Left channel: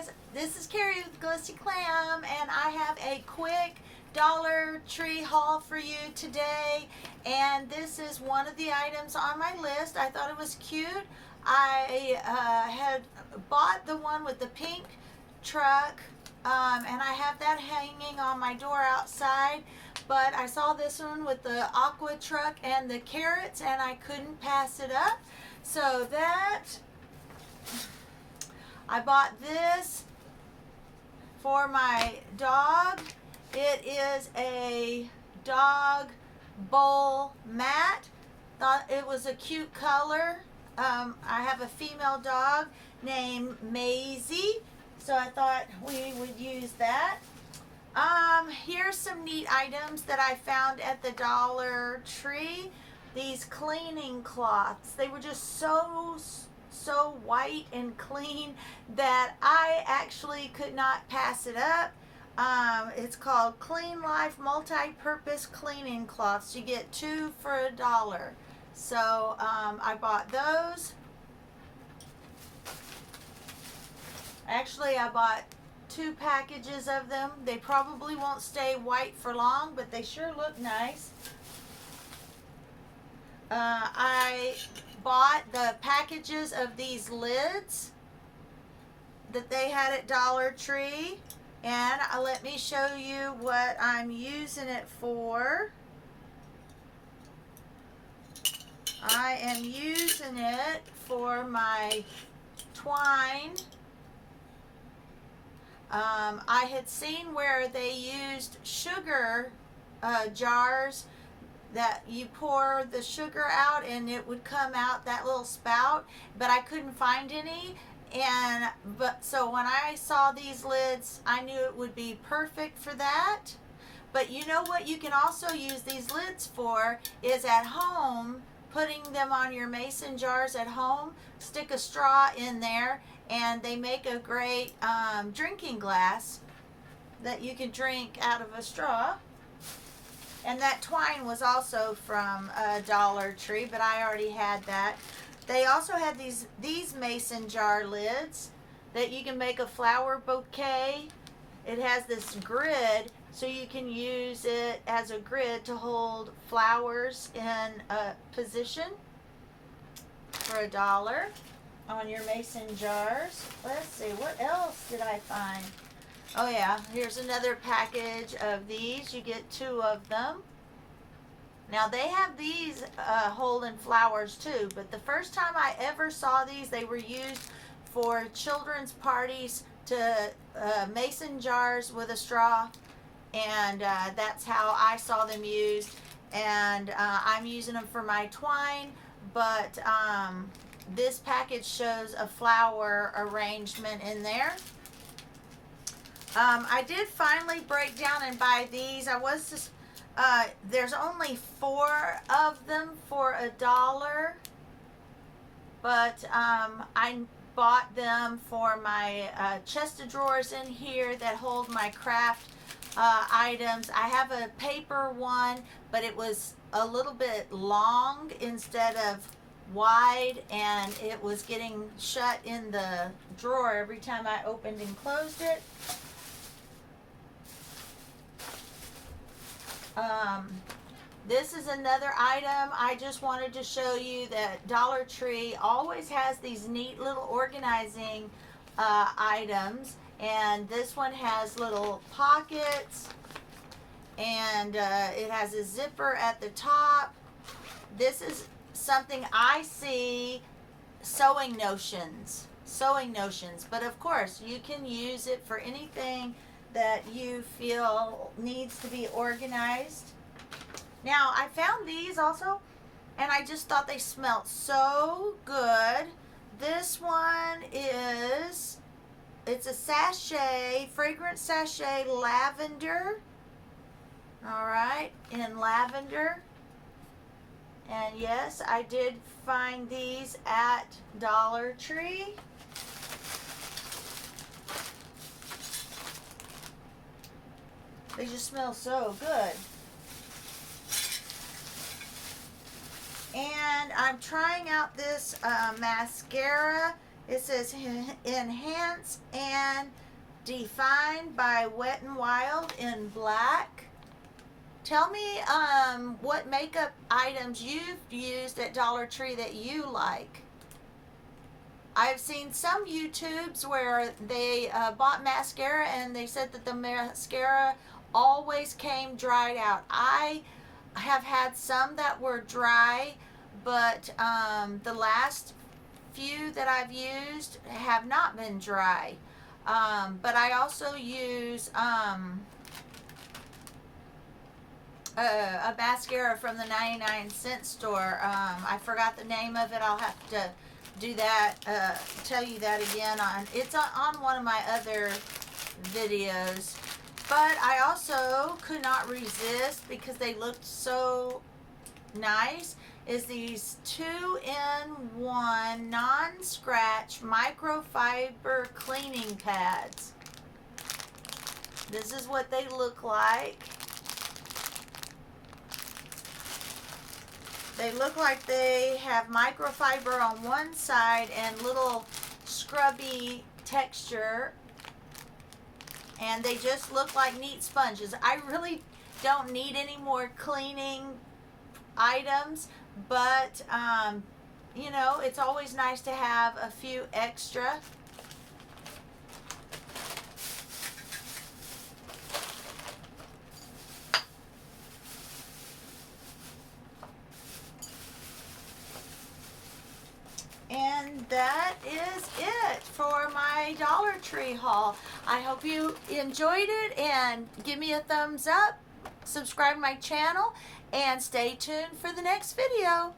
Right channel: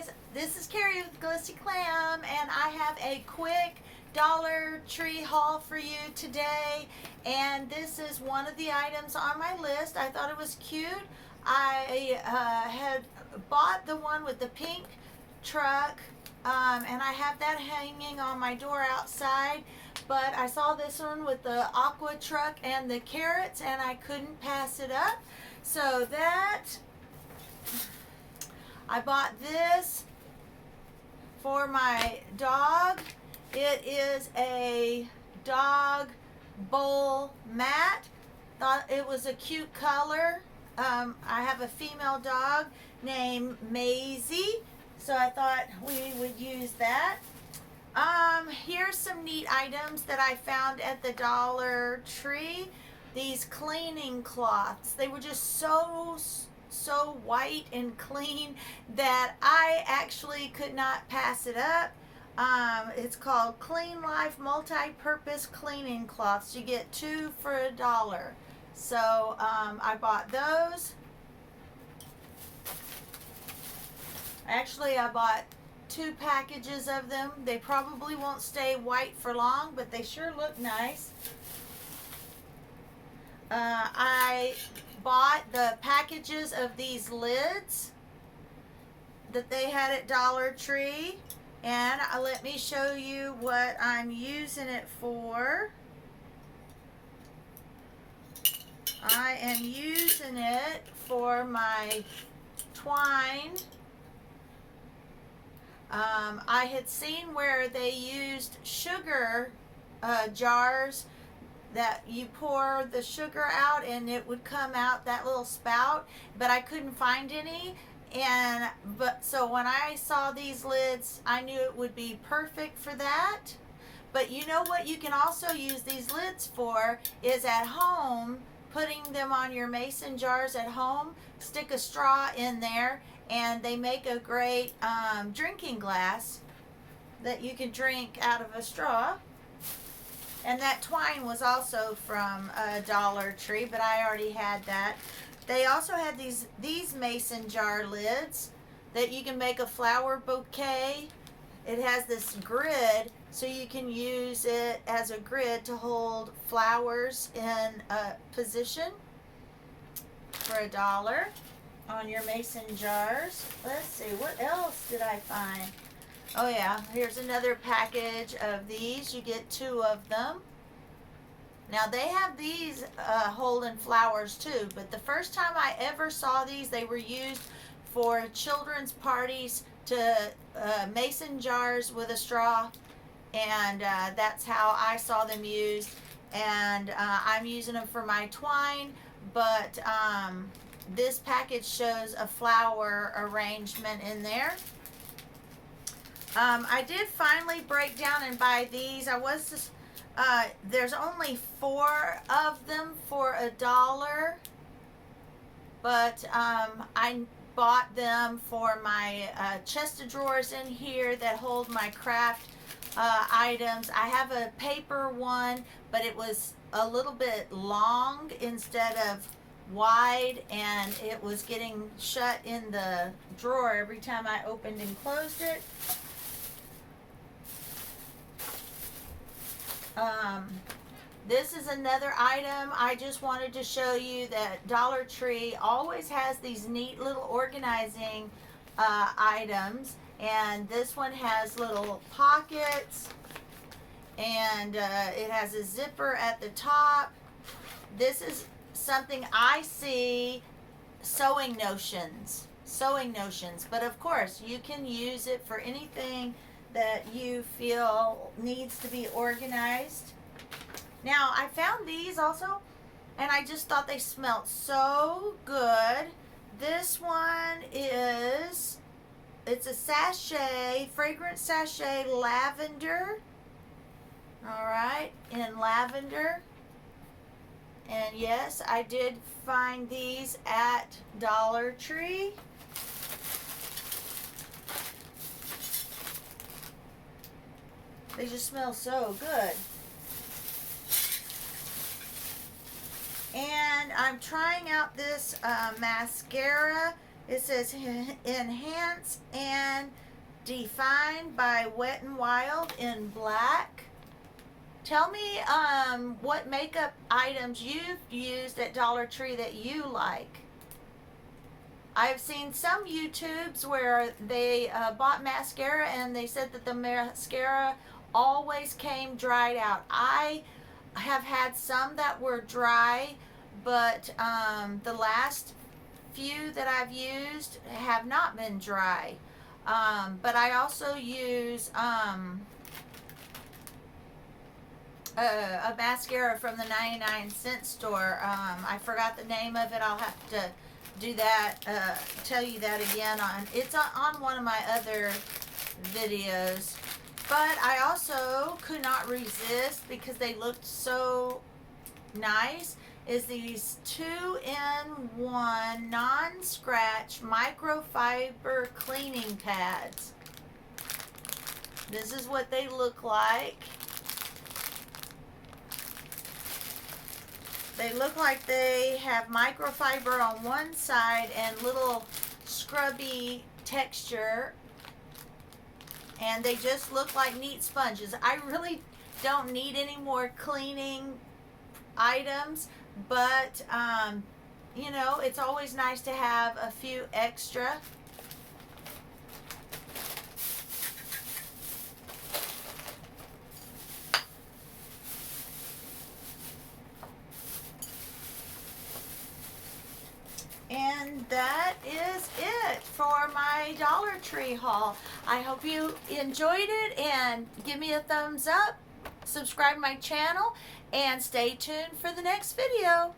guys, this is Carrie with Glitzy Glam, and I have a quick Dollar Tree haul for you today. And this is one of the items on my list. I thought it was cute. I had bought the one with the pink truck, and I have that hanging on my door outside. But I saw this one with the aqua truck and the carrots, and I couldn't pass it up. So I bought this for my dog. It is a dog bowl mat. Thought it was a cute color. I have a female dog named Maisie, so I thought we would use that. Here's some neat items that I found at the Dollar Tree. These cleaning cloths. They were just so white and clean that I actually could not pass it up. It's called Clean Life Multi-Purpose Cleaning Cloths. You get 2 for $1. So I bought those. Actually, I bought 2 packages of them. They probably won't stay white for long, but they sure look nice. I bought the packages of these lids that they had at Dollar Tree, and let me show you what I'm using it for. I am using it for my twine. I had seen where they used sugar jars that you pour the sugar out and it would come out that little spout, but I couldn't find any. So when I saw these lids, I knew it would be perfect for that. But you know what you can also use these lids for is at home, putting them on your mason jars at home. Stick a straw in there, and they make a great drinking glass that you can drink out of a straw. And that twine was also from Dollar Tree, but I already had that. They also had these mason jar lids that you can make a flower bouquet. It has this grid, so you can use it as a grid to hold flowers in a position for $1 on your mason jars. Let's see, what else did I find? Oh yeah, here's another package of these. You get 2 of them. Now they have these holding flowers too, but the first time I ever saw these, they were used for children's parties to mason jars with a straw, and that's how I saw them used. And I'm using them for my twine, but this package shows a flower arrangement in there. I did finally break down and buy these. There's only 4 of them for $1, but I bought them for my chest of drawers in here that hold my craft items. I have a paper one, but it was a little bit long instead of wide, and it was getting shut in the drawer every time I opened and closed it. This is another item. I just wanted to show you that Dollar Tree always has these neat little organizing items, and this one has little pockets, and it has a zipper at the top. This is something I see, sewing notions, but of course you can use it for anything that you feel needs to be organized. Now I found these also, and I just thought they smelled so good. This one it's a sachet, fragrant sachet, lavender. All right, in lavender. And yes, I did find these at Dollar Tree. They just smell so good. And I'm trying out this mascara. It says Enhance and Define by Wet n Wild in black. Tell me what makeup items you've used at Dollar Tree that you like. I've seen some YouTubes where they bought mascara and they said that the mascara always came dried out. I have had some that were dry, but the last few that I've used have not been dry. But I also use a mascara from the 99-cent store. I forgot the name of it. I'll have to do that, tell you that again. It's on one of my other videos. But I also could not resist, because they looked so nice, is these 2-in-1 non-scratch microfiber cleaning pads. This is what they look like. They look like they have microfiber on one side and little scrubby texture. And they just look like neat sponges. I really don't need any more cleaning items, but you know, it's always nice to have a few extra. And that is it for my Dollar Tree haul. I hope you enjoyed it, and give me a thumbs up, subscribe to my channel, and stay tuned for the next video.